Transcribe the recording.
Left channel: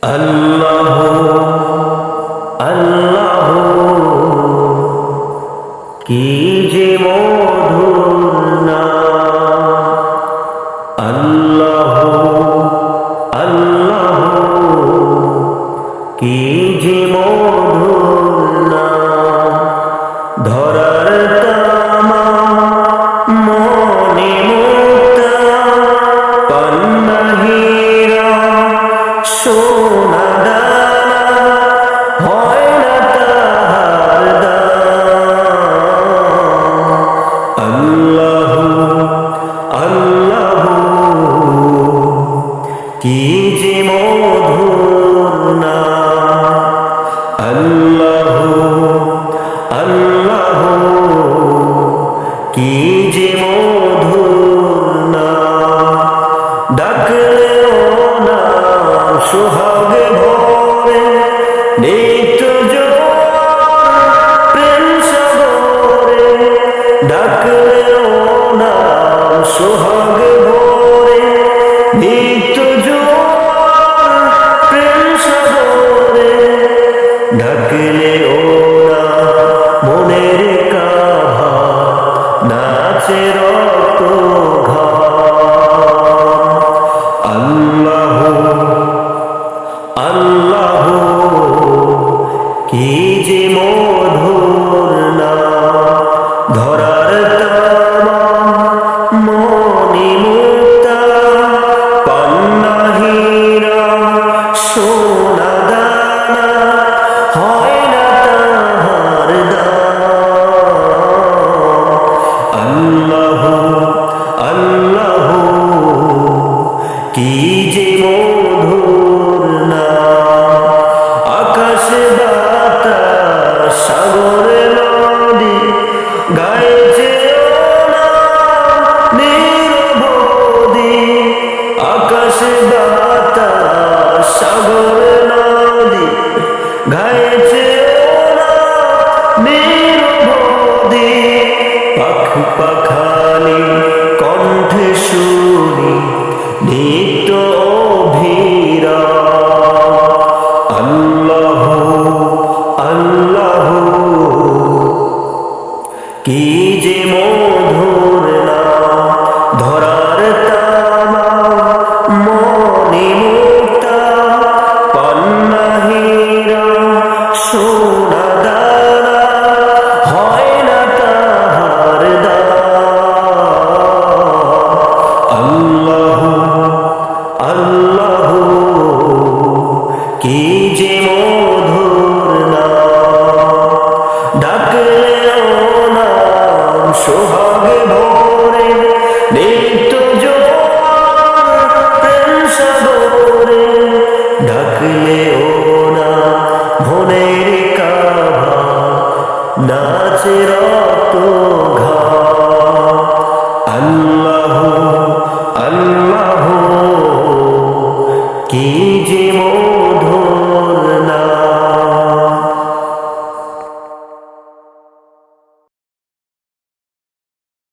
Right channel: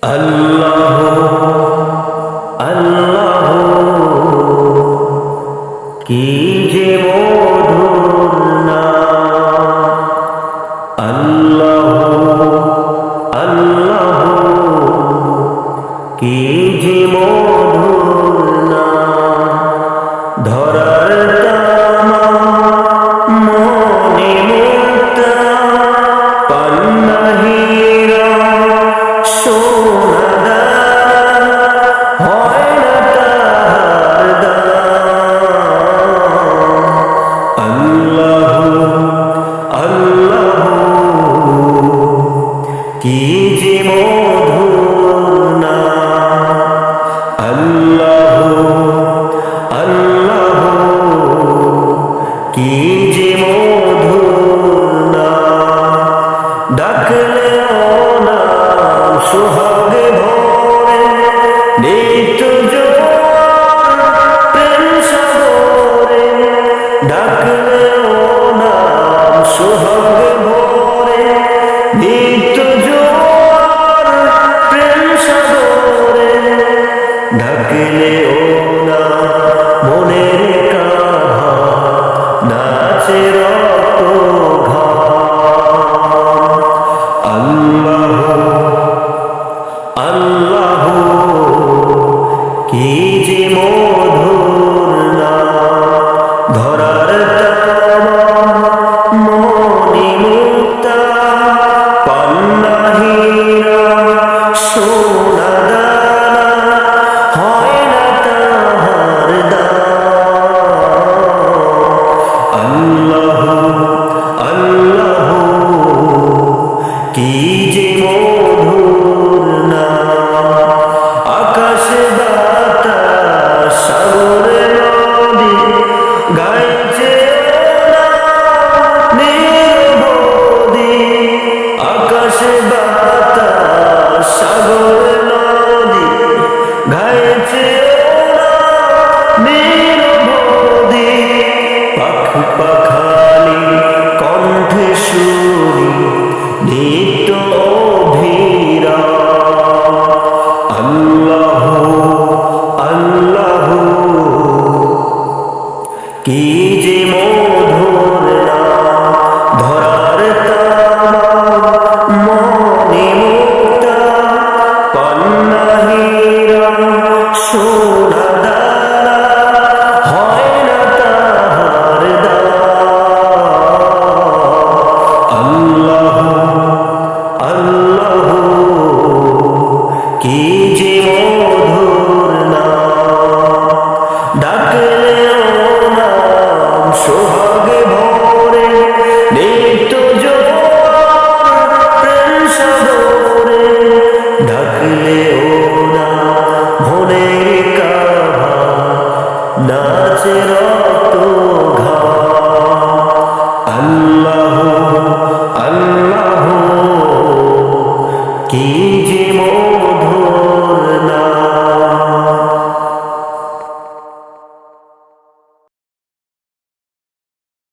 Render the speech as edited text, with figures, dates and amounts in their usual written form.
আল্লাহ আল্লাহ কি যে মধুর নাম। আল্লাহ আল্লাহ কি যে মধুর নাম। ধরার তামা মনে মুক্তা পান্না হীরা সোনা দানা হয় না তাহার দাম। আল্লাহ আল্লাহ কি যে মধুর নাম। আল্লাহ আল্লাহ কি যে মধুর নাম। ডাকলেও নাম সোহাগে ভরে নিত্য জোয়ার প্রেম সাগরে। ডাকলেও নাম সোহাগে ভরে নিত্য জোয়ার প্রেম সাগরে। ডাকলেও না মনের কাভা নাচে রক্ত ঘাম। আল্লাহ আল্লাহ কি যে মধুর নাম। ধরার তামা মনি মুক্তা পান্না হীরা সোনা দানা হয় না তাহার দাম। আল্লাহ আল্লাহ কি যে মধুর নাম। আকাশ বাতাস সাগর নদী গাইছে নিরবধি। আকাশ বাতাস সাগর নদী গাইছে নিরবধি। পাখি পাখালি কণ্ঠে শুনি নিত্য অভিরাম। আল্লাহ আল্লাহ কি যে মধুর নাম। ধরার তামা মনি মুক্তা পান্না হীরা সোনা দানা হয় না তাহার দাম। আল্লাহ আল্লাহ কি যে মধুর নাম। ডাকলেও নাম সোহাগে ভরে নিত্য জোয়ার প্রেম সাগরে। ডাকলেও না মনের কাভা নাচে রক্ত ঘাম। আল্লাহ আল্লাহ কি যে